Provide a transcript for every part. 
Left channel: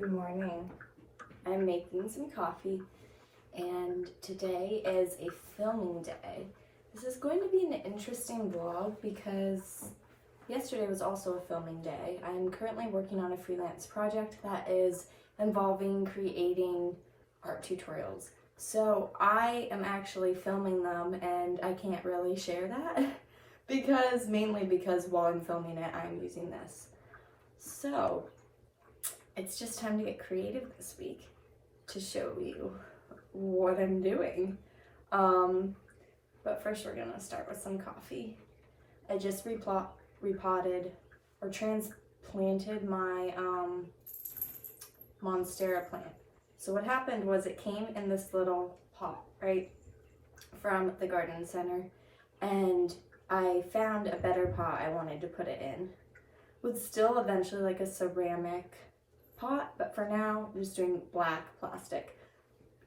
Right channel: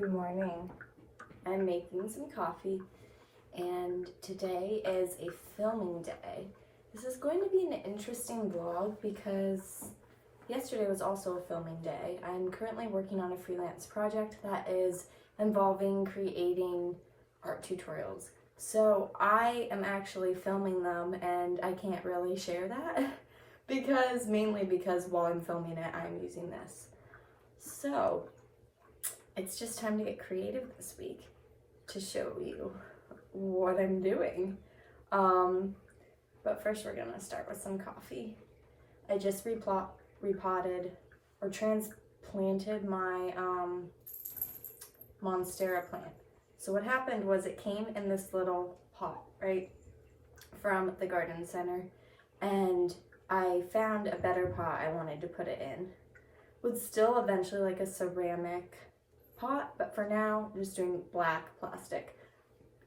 Good morning. I'm making some coffee and today is a filming day. This is going to be an interesting vlog because yesterday was also a filming day. I'm currently working on a freelance project that is involving creating art tutorials. So I am actually filming them and I can't really share that mainly because while I'm filming it, I'm using this. So it's just time to get creative this week to show you what I'm doing. But first we're gonna start with some coffee. I just repotted or transplanted my Monstera plant. So what happened was it came in this little pot, right, from the garden center, and I found a better pot I wanted to put it in. With still eventually like a ceramic pot, but for now I'm just doing black plastic.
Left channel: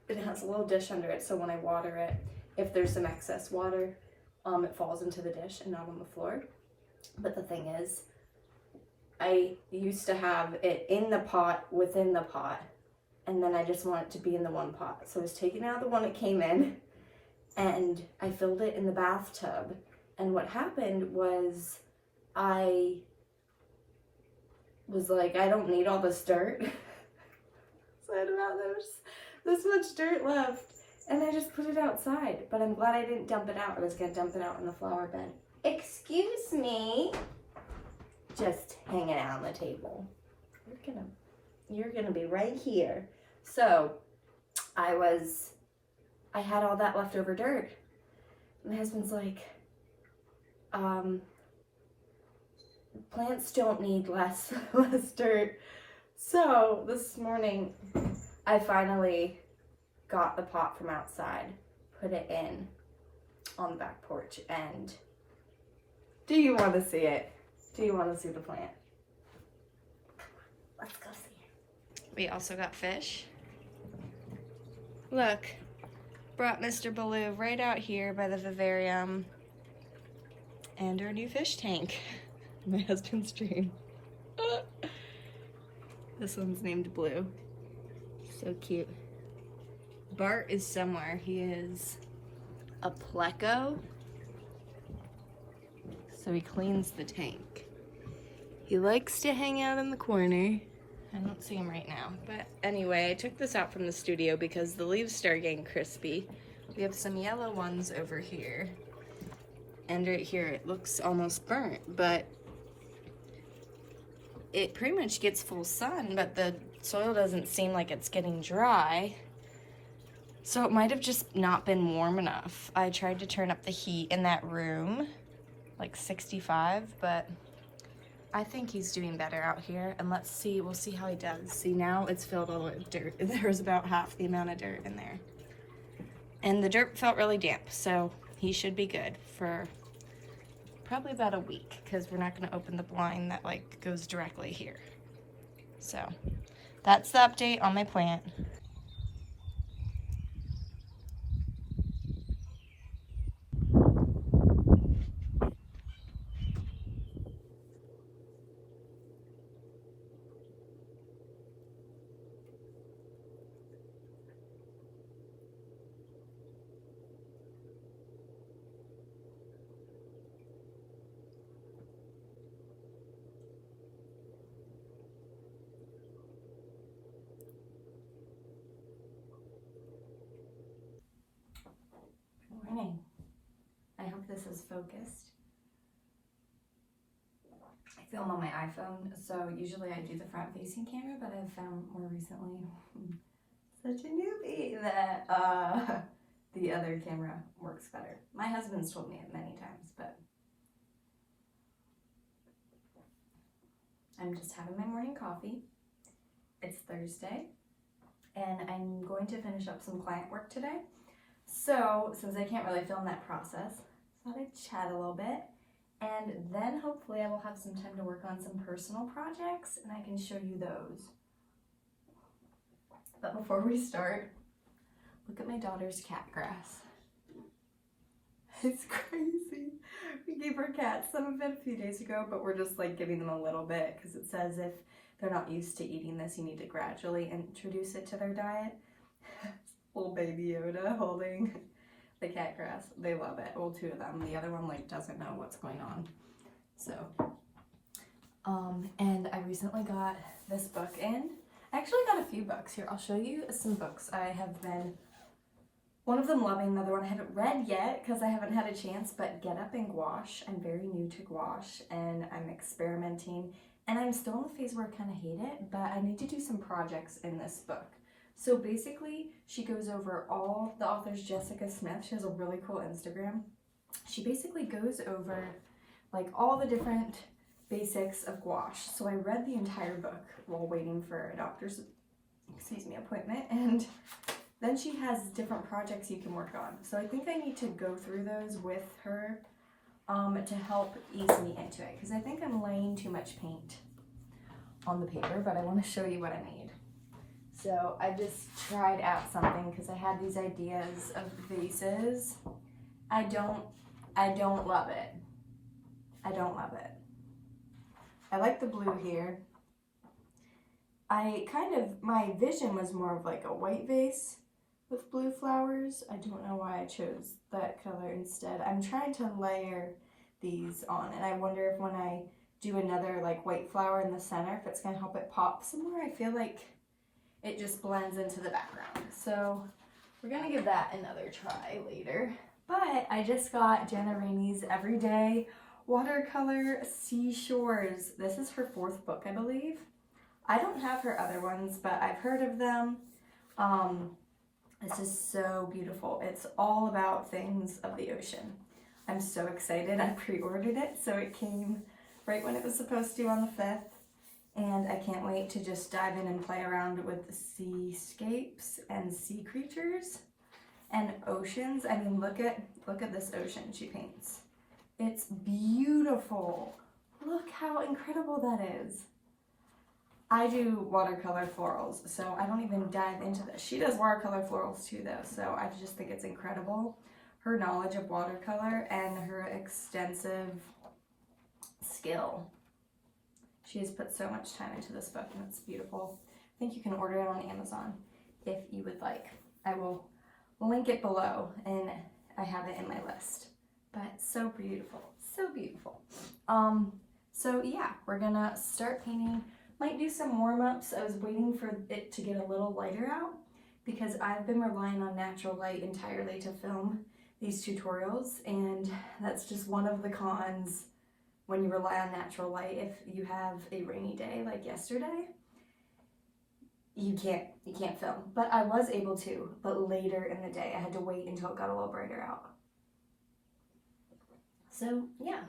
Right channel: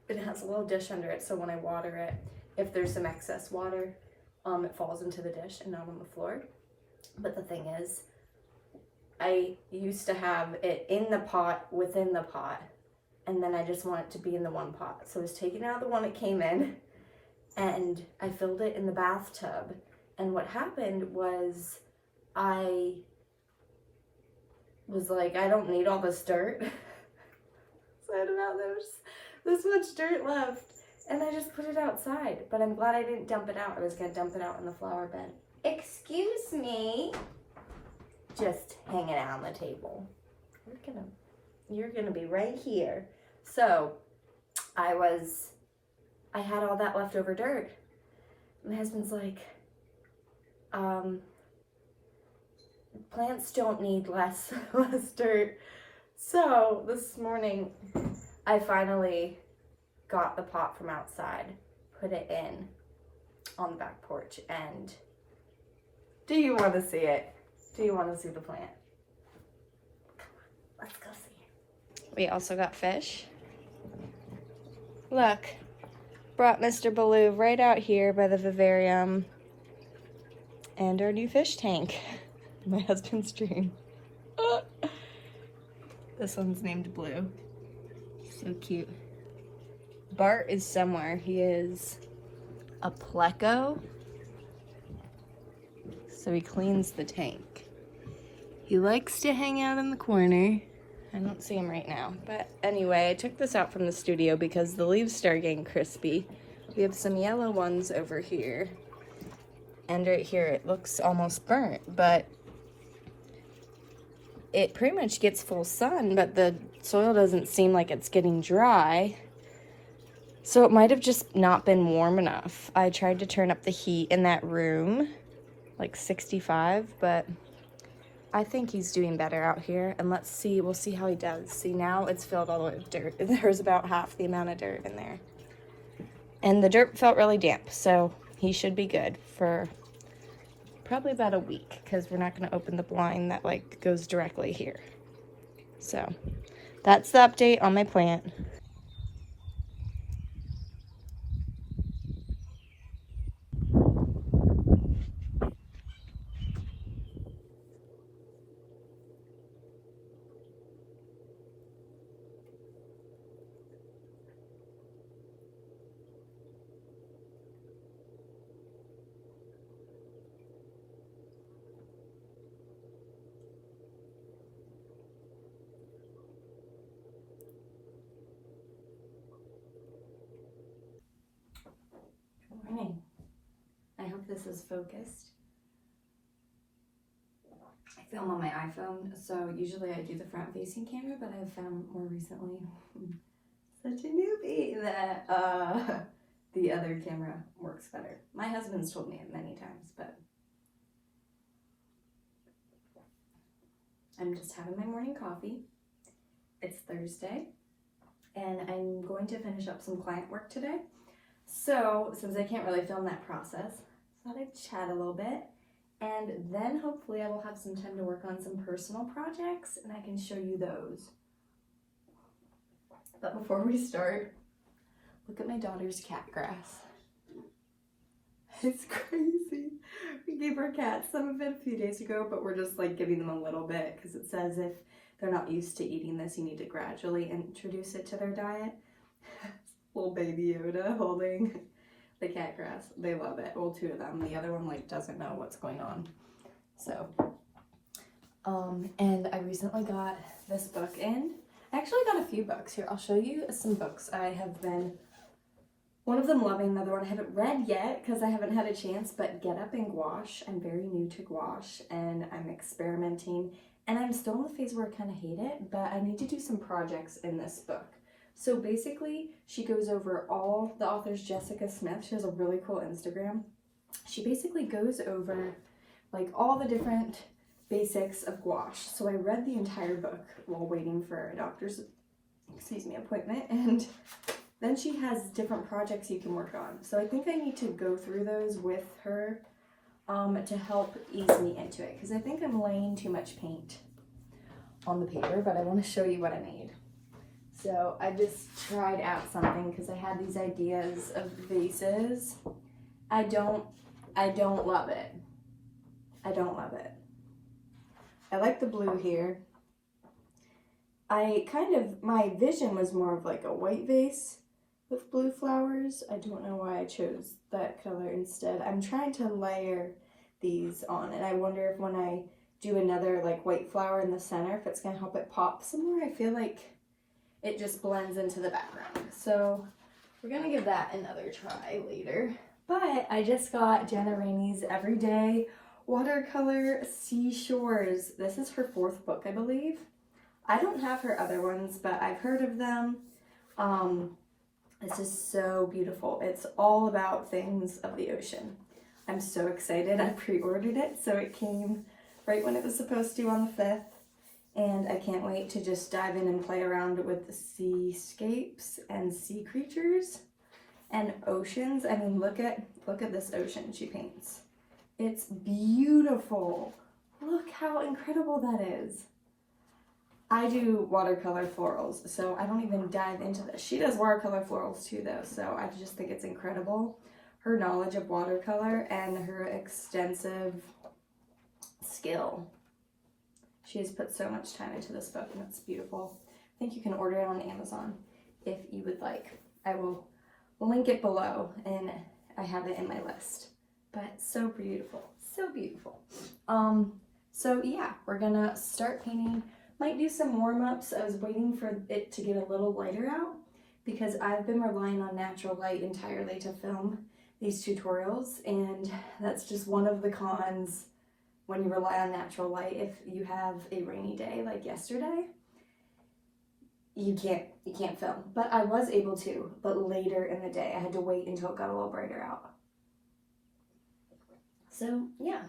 It has a little dish under it, so when I water it, if there's some excess water, it falls into the dish and not on the floor. But the thing is, I used to have it in the pot within the pot, and then I just want it to be in the one pot. So I was taking out the one it came in and I filled it in the bathtub. And what happened was I was like, I don't need all this dirt. So I don't know, there's this much dirt left. And I just put it outside, but I'm glad I didn't dump it out. I was gonna dump it out in the flower bed. Excuse me. Just hanging out on the table. You're gonna be right here. So I had all that leftover dirt. My husband's like, plants don't need less dirt. So this morning I finally got the pot from outside, put it in on the back porch, and do you want to see it? Do you want to see the plant? Come on, let's go see it. We also got fish. Look, brought Mr. Baloo right out here by the vivarium and our new fish tank. My husband's dream. This one's named Blue. So cute. Bart is somewhere. He is a pleco. So he cleans the tank. He likes to hang out in the corner. I don't see him right now. But anyway, I took this out from the studio because the leaves start getting crispy. We have some yellow ones over here. And right here it looks almost burnt, but it pretty much gets full sun, but the soil doesn't seem like it's getting dry. So it might have just not been warm enough. I tried to turn up the heat in that room, like 65, but I think he's doing better out here. And let's see, we'll see how he does. See, now it's filled all the way with dirt. There's about half the amount of dirt in there. And the dirt felt really damp, so he should be good for probably about a week, because we're not going to open the blind that like goes directly here. So that's the update on my plant. Good morning. I hope this is focused. I film on my iPhone, so usually I do the front-facing camera, but I've found more recently, such a newbie, that the other camera works better. My husband's told me it many times, but I'm just having my morning coffee. It's Thursday, and I'm going to finish up some client work today. So, since I can't really film that process, I thought I'd chat a little bit, and then hopefully I will have some time to work on some personal projects, and I can show you those. But before we start, look at my daughter's cat grass. It's crazy. We gave our cats some of it a few days ago, but we're just like giving them a little bit because it says if they're not used to eating this. You need to gradually introduce it to their diet. Little baby Yoda holding the cat grass. They love it. Well, two of them. The other one like doesn't know what's going on. So, and I recently got this book in. I actually got a few books here. I'll show you some books I have been, one of them loving, another one I haven't read yet because I haven't had a chance, but Get Up in Gouache. I'm very new to gouache and I'm experimenting, and I'm still in the phase where I kind of hate it, but I need to do some projects in this book. So basically, she goes over all, the author's Jessica Smith. She has a really cool Instagram. She basically goes over like all the different basics of gouache. So I read the entire book while waiting for a doctor's, appointment, and then she has different projects you can work on. So I think I need to go through those with her to help ease me into it, because I think I'm laying too much paint on the paper, but I want to show you what I made. So I just tried out something because I had these ideas of vases. I don't love it. I don't love it. I like the blue here. My vision was more of like a white vase with blue flowers. I don't know why I chose that color instead. I'm trying to layer these on, and I wonder if when I do another like white flower in the center, if it's gonna help it pop some more. I feel like it just blends into the background. So we're gonna give that another try later. But I just got Jenna Rainey's Everyday Watercolor Seashores. This is her 4th book, I believe. I don't have her other ones, but I've heard of them. This is so beautiful. It's all about things of the ocean. I'm so excited. I pre-ordered it, so it came right when it was supposed to on the 5th. And I can't wait to just dive in and play around with the seascapes and sea creatures and oceans. I mean, look at this ocean she paints. It's beautiful. Look how incredible that is. I do watercolor florals, so I don't even dive into this. She does watercolor florals too, though, so I just think it's incredible. Her knowledge of watercolor and her extensive skill. She has put so much time into this book, and it's beautiful. I think you can order it on Amazon if you would like. I will link it below, and I have it in my list. But so beautiful, so beautiful. So yeah, we're gonna start painting. Might do some warm-ups. I was waiting for it to get a little lighter out because I've been relying on natural light entirely to film these tutorials, and that's just one of the cons when you rely on natural light. If you have a rainy day like yesterday, you can't film. But I was able to, but later in the day I had to wait until it got a little brighter out. So yeah,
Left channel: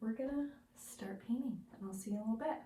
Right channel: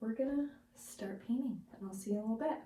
we're gonna start painting, and I'll see you in a little bit.